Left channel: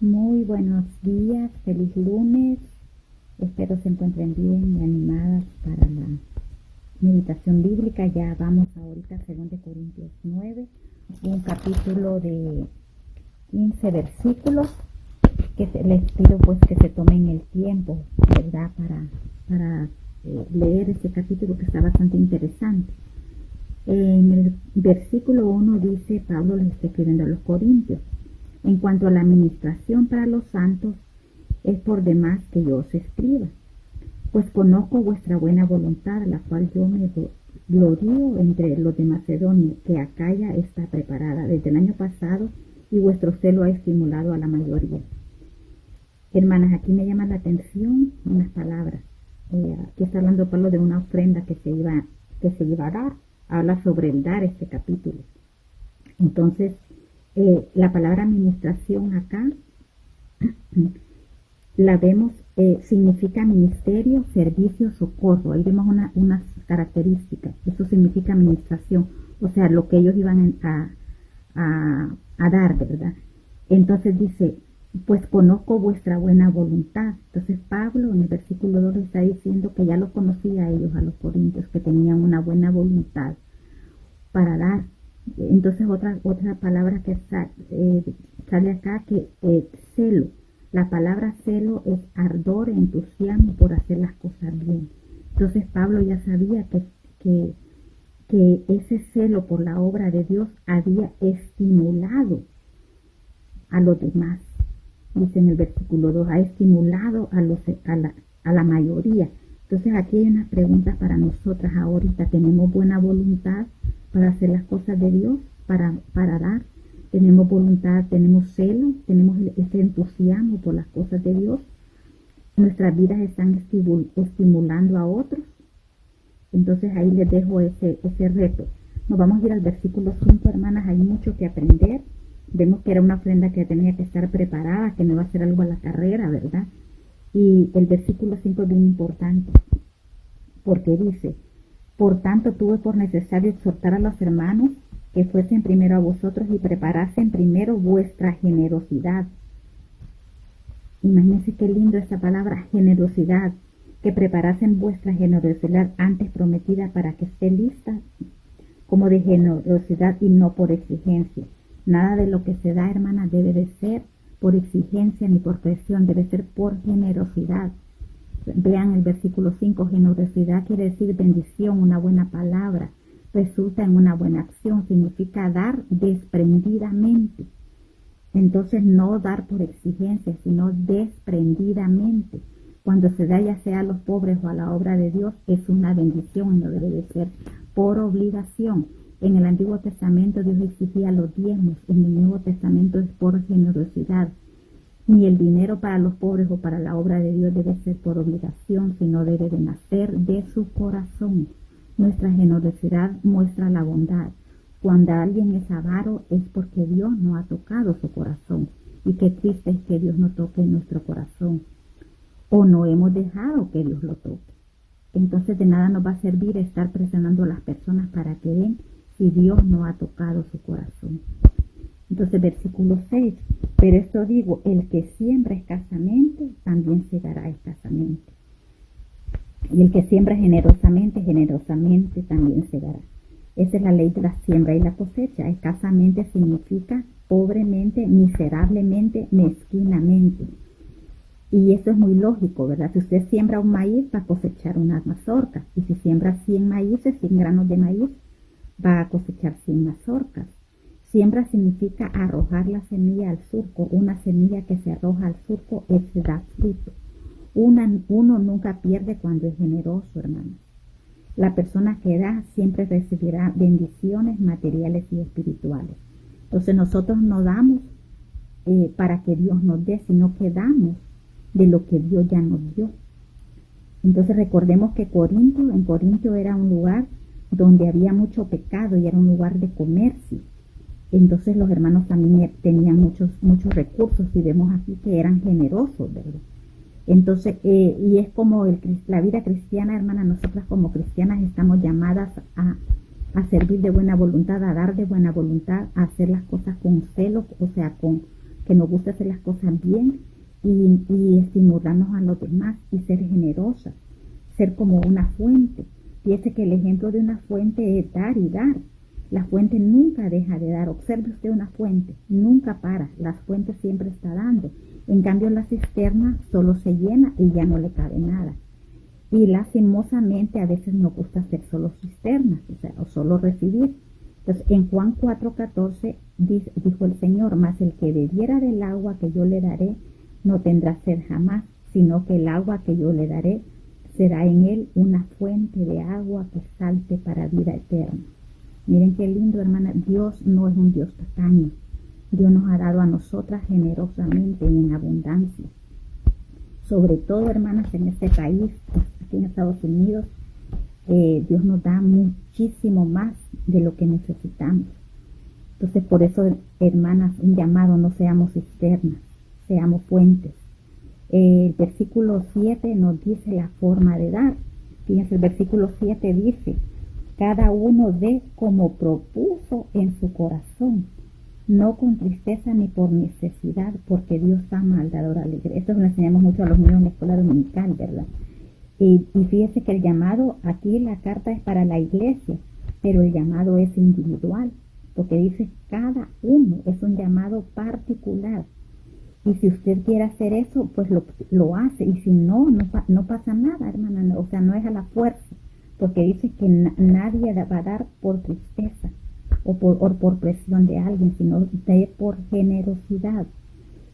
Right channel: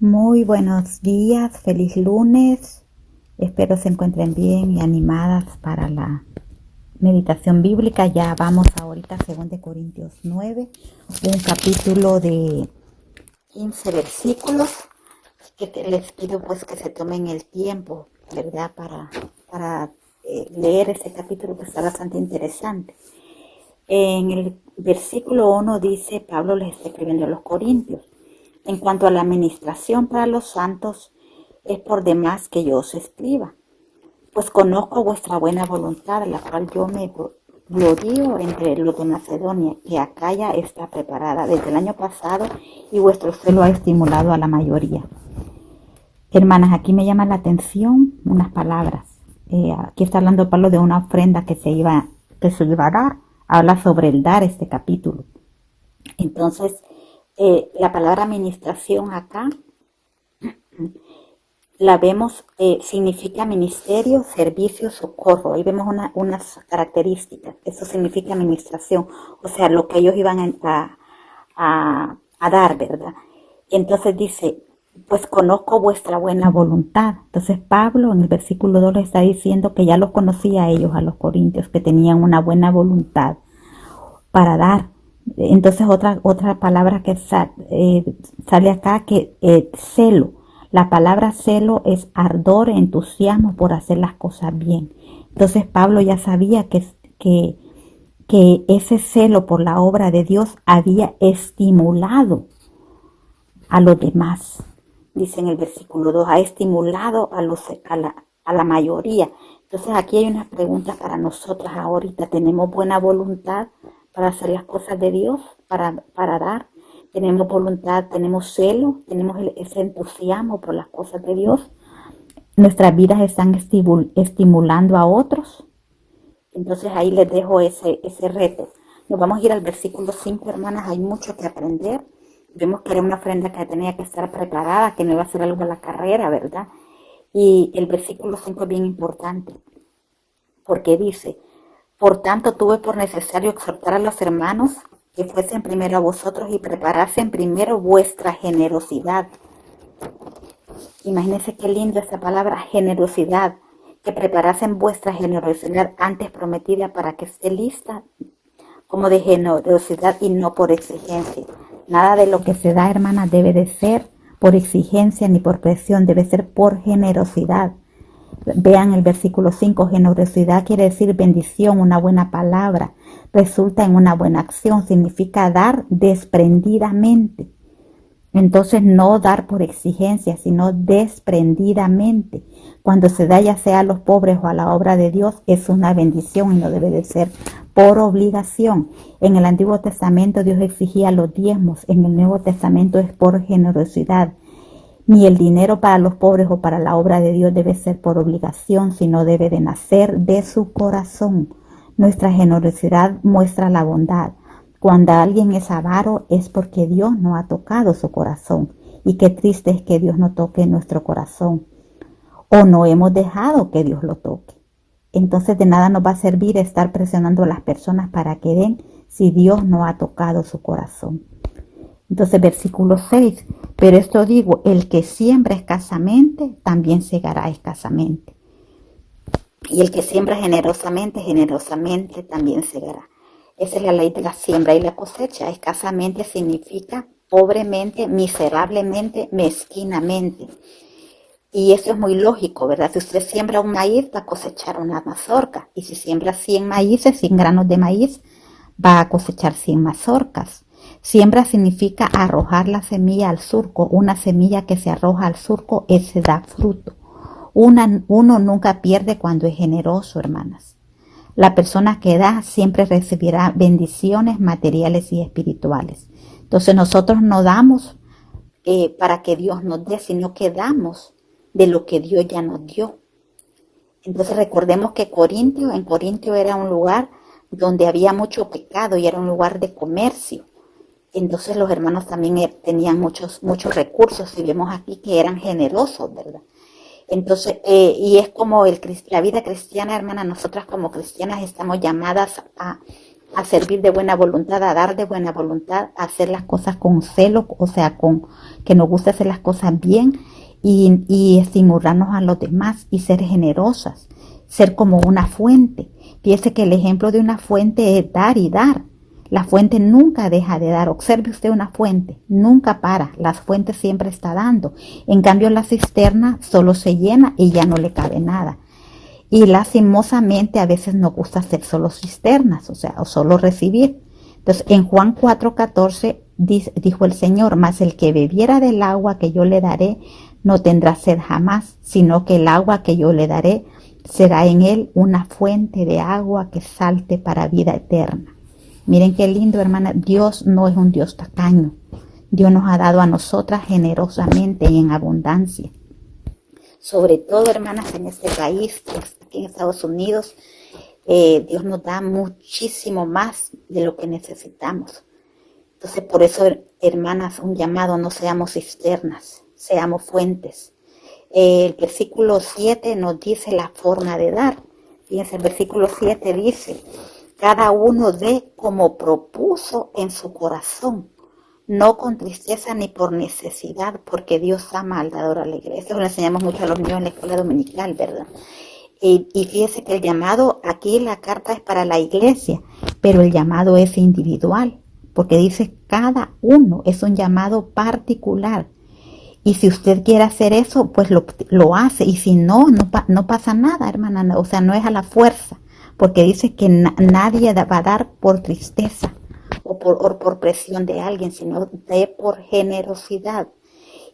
Muy buenos días, feliz lunes. Espero se encuentren bien y animadas para la meditación bíblica. Ya vamos ahorita a 2 Corintios 9, un capítulo de 15 versículos les pido pues que se tomen el tiempo, ¿verdad? Para leer ese capítulo que está bastante interesante. En el versículo 1 dice, Pablo les está escribiendo a los Corintios: en cuanto a la administración para los santos, es por demás que yo os escriba, pues conozco vuestra buena voluntad, la cual yo me glorío entre los de Macedonia, que Acaya está preparada desde el año pasado y vuestro celo ha estimulado a la mayoría. Hermanas, aquí me llama la atención unas palabras. Aquí está hablando Pablo de una ofrenda que se iba a dar. Habla sobre el dar este capítulo. Entonces, la palabra administración acá la vemos, significa ministerio, servicio, socorro. Ahí vemos unas características. Eso significa administración, o sea, lo que ellos iban a dar, ¿verdad? Y entonces dice, pues conozco vuestra buena voluntad. Entonces Pablo en el versículo 2 le está diciendo que ya los conocía a ellos, a los corintios, que tenían una buena voluntad para dar. Entonces otra palabra que sale acá, que celo. La palabra celo es ardor, entusiasmo por hacer las cosas bien. Entonces Pablo ya sabía que ese celo por la obra de Dios había estimulado a los demás. Dice en el versículo 2, ha estimulado a la mayoría. Entonces aquí hay unas preguntas para nosotras ahorita. ¿Tenemos buena voluntad para hacer las cosas de Dios, para dar? ¿Tenemos voluntad, tenemos celo, tenemos ese entusiasmo por las cosas de Dios? ¿Nuestras vidas están estimulando a otros? Entonces ahí les dejo ese reto. Nos vamos a ir al versículo 5, hermanas. Hay mucho que aprender. Vemos que era una ofrenda que tenía que estar preparada, que no iba a ser algo a la carrera, ¿verdad? Y el versículo 5 es bien importante, porque dice, por tanto tuve por necesario exhortar a los hermanos que fuesen primero a vosotros y preparasen primero vuestra generosidad. Imagínense qué lindo esta palabra, generosidad, que preparasen vuestra generosidad antes prometida para que esté lista, como de generosidad y no por exigencia. Nada de lo que se da, hermanas, debe de ser por exigencia ni por presión, debe ser por generosidad. Vean el versículo 5, generosidad quiere decir bendición, una buena palabra, resulta en una buena acción, significa dar desprendidamente. Entonces no dar por exigencia, sino desprendidamente. Cuando se da ya sea a los pobres o a la obra de Dios, es una bendición y no debe de ser por obligación. En el Antiguo Testamento Dios exigía los diezmos, en el Nuevo Testamento es por generosidad. Ni el dinero para los pobres o para la obra de Dios debe ser por obligación, sino debe de nacer de su corazón. Nuestra generosidad muestra la bondad. Cuando alguien es avaro es porque Dios no ha tocado su corazón. Y qué triste es que Dios no toque nuestro corazón. O no hemos dejado que Dios lo toque. Entonces de nada nos va a servir estar presionando a las personas para que den si Dios no ha tocado su corazón. Entonces versículo 6, pero esto digo, el que siembra escasamente, también segará escasamente. Y el que siembra generosamente, generosamente también segará. Esa es la ley de la siembra y la cosecha. Escasamente significa pobremente, miserablemente, mezquinamente. Y eso es muy lógico, ¿verdad? Si usted siembra un maíz, va a cosechar una mazorca. Y si siembra 100 maíces, 100 granos de maíz, va a cosechar 100 mazorcas. Siembra significa arrojar la semilla al surco. Una semilla que se arroja al surco, ese da fruto. Uno nunca pierde cuando es generoso, hermanas. La persona que da siempre recibirá bendiciones materiales y espirituales. Entonces nosotros no damos para que Dios nos dé, sino que damos de lo que Dios ya nos dio. Entonces recordemos que en Corintio era un lugar donde había mucho pecado y era un lugar de comercio. Y entonces los hermanos también tenían muchos recursos y vemos aquí que eran generosos, ¿verdad? Entonces, y es como la vida cristiana, hermana, nosotras como cristianas estamos llamadas a a servir de buena voluntad, a dar de buena voluntad, a hacer las cosas con celo, o sea, con que nos gusta hacer las cosas bien y estimularnos a los demás y ser generosas, ser como una fuente. Fíjese que el ejemplo de una fuente es dar y dar. La fuente nunca deja de dar. Observe usted una fuente, nunca para. La fuente siempre está dando. En cambio, la cisterna solo se llena y ya no le cabe nada. Y lastimosamente a veces nos gusta hacer solo cisternas, o sea, o solo recibir. Entonces, en Juan 4:14 dijo el Señor, mas el que bebiera del agua que yo le daré no tendrá sed jamás, sino que el agua que yo le daré será en él una fuente de agua que salte para vida eterna. Miren qué lindo, hermana. Dios no es un Dios tacaño. Dios nos ha dado a nosotras generosamente y en abundancia. Sobre todo, hermanas, en este país, aquí en Estados Unidos, Dios nos da muchísimo más de lo que necesitamos. Entonces, por eso, hermanas, un llamado: no seamos cisternas, seamos fuentes. El versículo 7 nos dice la forma de dar. Fíjense, el versículo 7 dice: cada uno dé como propuso en su corazón, no con tristeza ni por necesidad, porque Dios ama al dador alegre. Esto lo enseñamos mucho a los niños en la escuela dominical, ¿verdad? Y fíjese que el llamado, aquí la carta es para la iglesia, pero el llamado es individual, porque dice cada uno, es un llamado particular. Y si usted quiere hacer eso, pues lo hace. Y si no, no pasa nada, hermana. O sea, no es a la fuerza, porque dice que nadie va a dar por tristeza o por presión de alguien, sino por generosidad.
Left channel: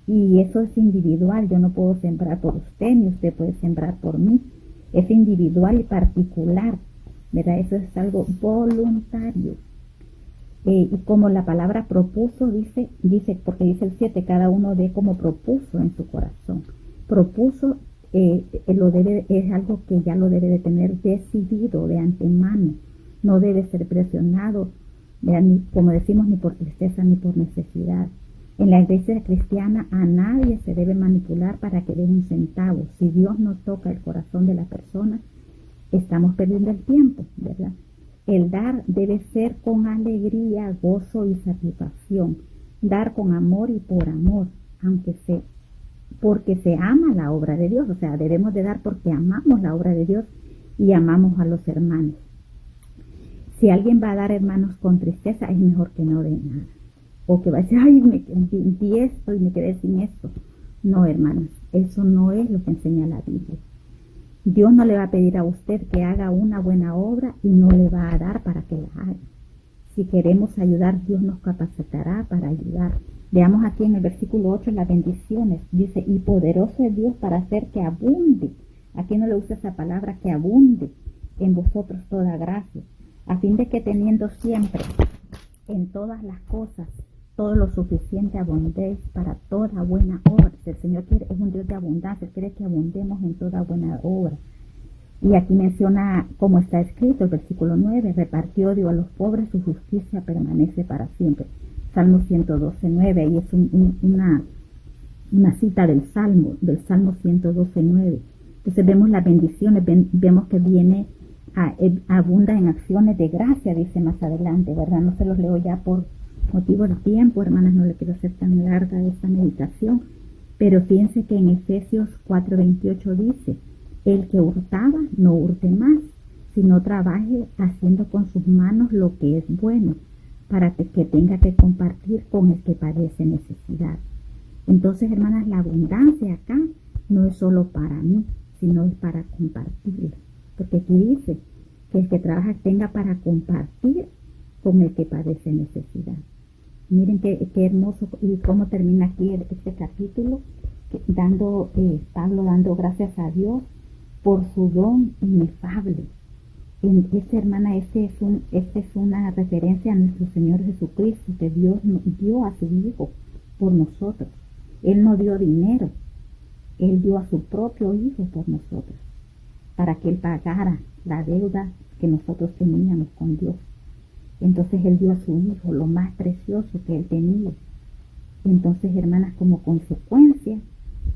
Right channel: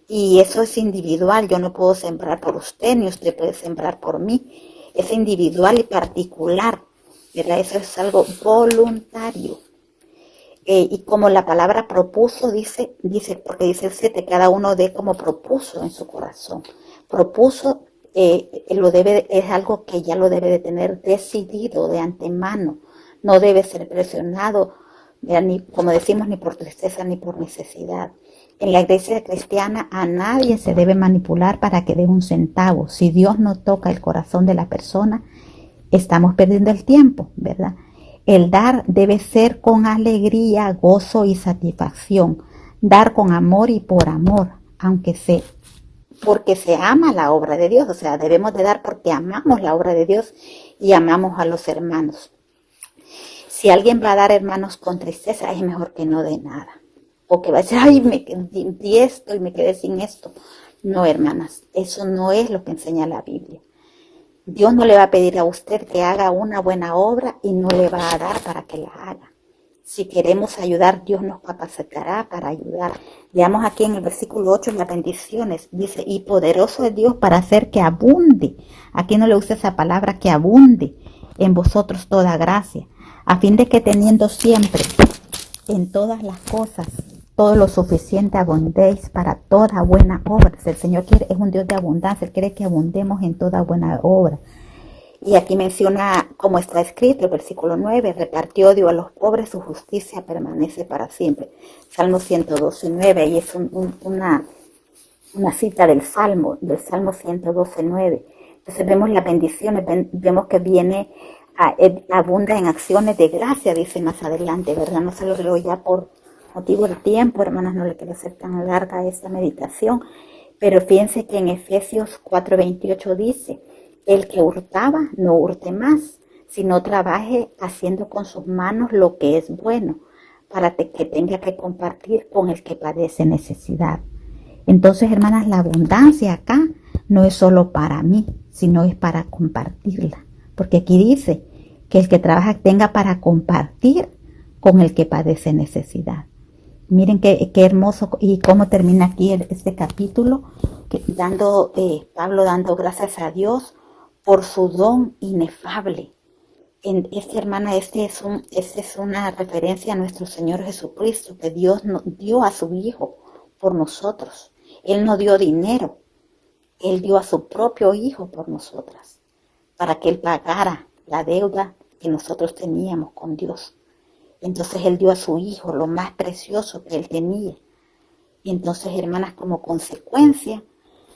Y eso es individual. Yo no puedo sembrar por usted, ni usted puede sembrar por mí. Es individual y particular, ¿verdad? Eso es algo voluntario. Y como la palabra propuso dice, porque dice el 7, cada uno dé como propuso en su corazón. Propuso es algo que ya lo debe de tener decidido de antemano. No debe ser presionado, ni, como decimos, ni por tristeza ni por necesidad. En la iglesia cristiana a nadie se debe manipular para que dé un centavo. Si Dios no toca el corazón de la persona, estamos perdiendo el tiempo, ¿verdad? El dar debe ser con alegría, gozo y satisfacción. Dar con amor y por amor, porque se ama la obra de Dios. O sea, debemos de dar porque amamos la obra de Dios y amamos a los hermanos. Si alguien va a dar, hermanos, con tristeza, es mejor que no dé nada. O que va a decir, ay, me di esto y me quedé sin esto. No, hermanas, eso no es lo que enseña la Biblia. Dios no le va a pedir a usted que haga una buena obra y no le va a dar para que la haga. Si queremos ayudar, Dios nos capacitará para ayudar. Veamos aquí en el versículo 8 las bendiciones. Dice, y poderoso es Dios para hacer que abunde. Aquí no le usa esa palabra, que abunde en vosotros toda gracia, a fin de que teniendo siempre en todas las cosas todo lo suficiente abundéis para toda buena obra. El Señor es un Dios de abundancia. Él quiere que abundemos en toda buena obra. Y aquí menciona, como está escrito, el versículo 9, repartió Dios a los pobres, su justicia permanece para siempre. Salmo 112:9, y es una cita del Salmo 112:9. Entonces vemos las bendiciones, vemos que viene, abunda en acciones de gracia, dice más adelante, ¿verdad? No se los leo ya por motivo del tiempo, hermanas, no le quiero hacer tan larga esta meditación, pero fíjense que en Efesios 4:28 dice, el que hurtaba, no hurte más, sino trabaje haciendo con sus manos lo que es bueno, para que tenga que compartir con el que padece necesidad. Entonces, hermanas, la abundancia acá no es solo para mí, sino es para compartirla, porque aquí dice que el que trabaja tenga para compartir con el que padece necesidad. Miren qué hermoso, y cómo termina aquí este capítulo, Pablo dando gracias a Dios por su don inefable. Hermana, este es una referencia a nuestro Señor Jesucristo, que Dios nos dio a su Hijo por nosotros. Él no dio dinero, Él dio a su propio Hijo por nosotras, para que Él pagara la deuda que nosotros teníamos con Dios. Entonces Él dio a su Hijo lo más precioso que Él tenía. Y entonces, hermanas, como consecuencia,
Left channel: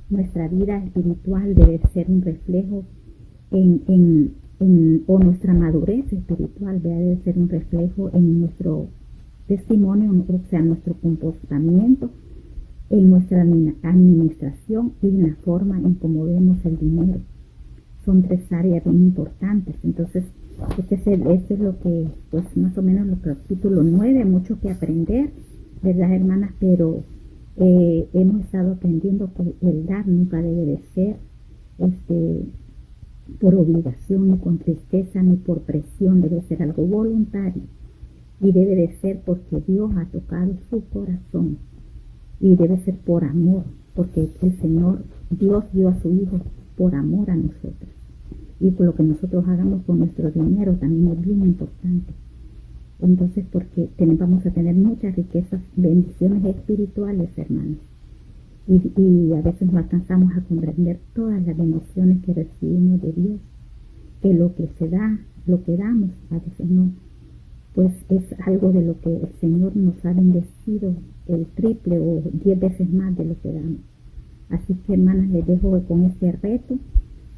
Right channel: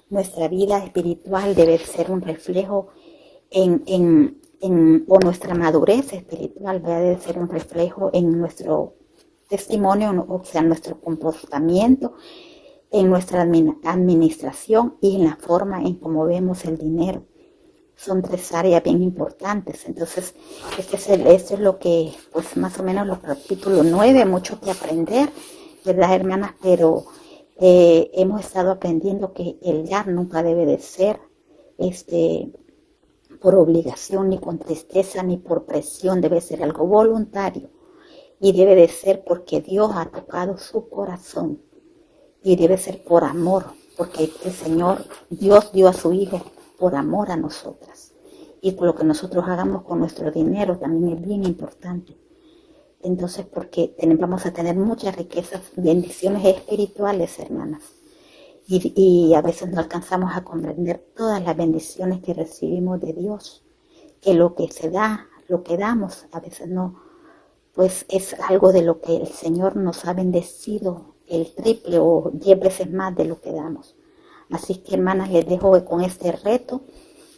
nuestra vida espiritual debe ser un reflejo en o nuestra madurez espiritual, ¿verdad? Debe ser un reflejo en nuestro testimonio, o sea, en nuestro comportamiento, en nuestra administración y en la forma en cómo vemos el dinero. Son 3 áreas bien importantes. Entonces, esto es lo que, pues más o menos los capítulo 9, mucho que aprender, ¿verdad, hermanas? Pero hemos estado aprendiendo que el dar nunca debe de ser por obligación, ni con tristeza, ni por presión. Debe ser algo voluntario y debe de ser porque Dios ha tocado su corazón, y debe ser por amor, porque el Señor, Dios dio a su Hijo por amor a nosotras, y lo que nosotros hagamos con nuestro dinero también es bien importante. Entonces, porque vamos a tener muchas riquezas, bendiciones espirituales, hermanas, y a veces no alcanzamos a comprender todas las bendiciones que recibimos de Dios, que lo que se da, lo que damos, a veces no, pues es algo de lo que el Señor nos ha bendecido el triple o 10 veces más de lo que damos. Así que, hermanas, les dejo con este reto,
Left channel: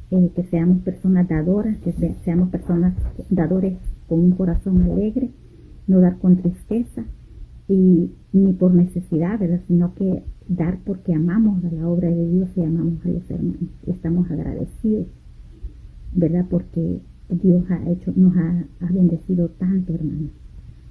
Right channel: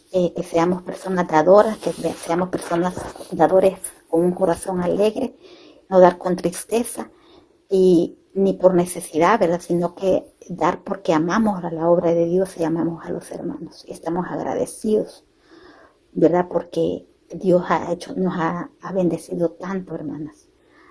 que seamos personas dadoras, que seamos personas dadores con un corazón alegre, no dar con tristeza y ni por necesidad, ¿verdad? Sino que dar porque amamos a la obra de Dios y amamos a los hermanos y estamos agradecidos, ¿verdad? Porque Dios nos ha bendecido tanto, hermanas.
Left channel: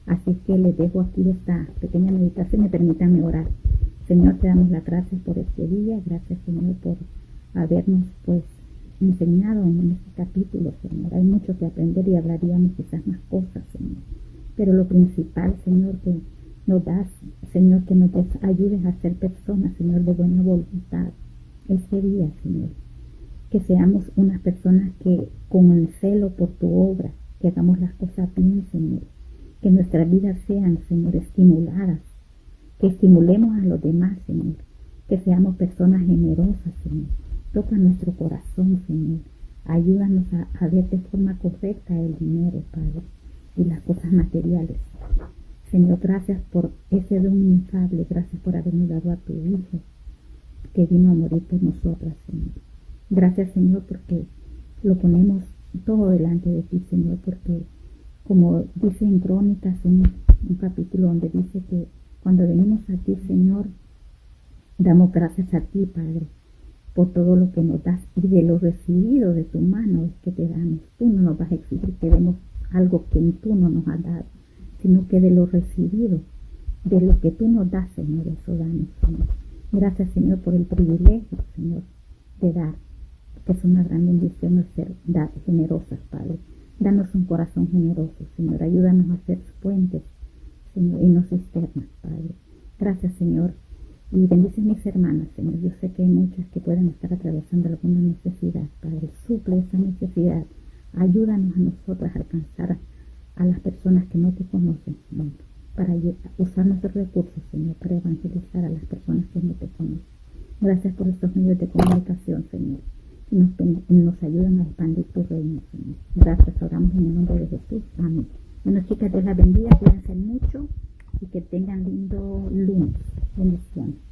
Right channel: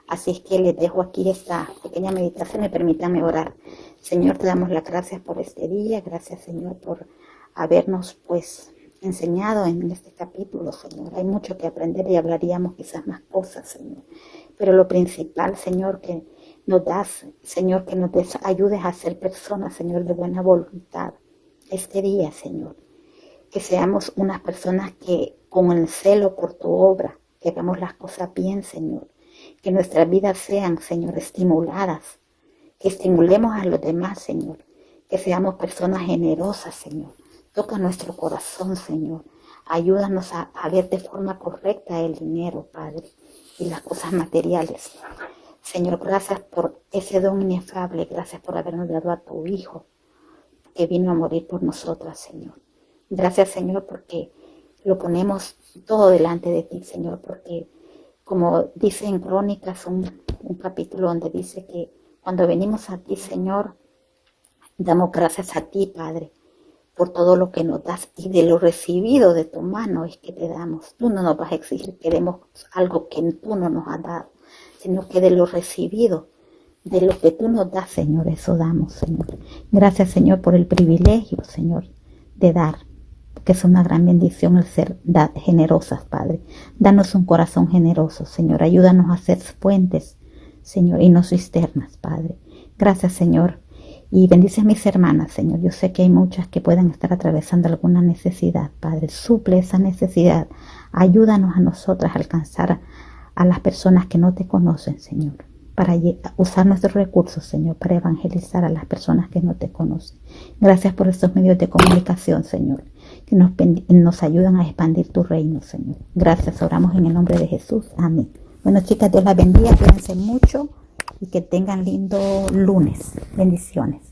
Así es que les dejo aquí esta pequeña meditación y permítanme orar. Señor, te damos las gracias por este día. Gracias, Señor, por habernos pues enseñado en este capítulo, Señor. Hay mucho que aprender y hablaríamos quizás más cosas, Señor. Pero lo principal, Señor, que nos das, Señor, que nos ayudes a ser personas, Señor, de buena voluntad. Este día, Señor, que seamos unas personas que con el celo por tu obra, que hagamos las cosas bien, Señor. Que nuestras vidas sean, Señor, estimuladas. Que estimulemos a los demás, Señor. Que seamos personas generosas, Señor. Toca nuestro corazón, Señor. Ayúdanos a ver de forma correcta el dinero, Padre, y las cosas materiales. Señor, gracias por ese don inefable. Gracias por habernos dado a tu Hijo, que vino a morir por nosotras, Señor. Gracias, Señor, porque lo ponemos todo delante de ti, Señor, porque como dice en Crónicas, un capítulo donde dice que cuando venimos a ti, Señor, damos gracias a ti, Padre, por todo lo que nos das, y de lo recibido de tu mano es que te damos. Tú no nos vas a exigir que demos algo que tú no nos has dado, sino que de lo recibido, de lo que tú nos das, Señor, eso damos, Señor. Gracias, Señor, por el privilegio, Señor, de dar, que es una gran bendición el ser generosas, Padre. Danos un corazón generoso, Señor. Ayúdanos a ser fuentes, Señor, y no cisternas, Padre. Gracias, Señor. Y bendice a mis hermanas, Señor. Yo sé que hay muchas que puedan estar atravesando alguna necesidad, Padre. Suple esa necesidad. Ayúdanos a nosotras a alcanzar a las personas que no te conocen, Señor, para usar nuestros recursos, Señor, para evangelizar a las personas que no te conocen. Gracias por estos medios de comunicación, Señor, que nos ayudan a expandir tu reino, Señor. Gracias, oramos en el nombre de Jesús. Amén. Bueno, chicas, Dios las bendiga, cuídense mucho y que tengan lindo lunes. Bendiciones.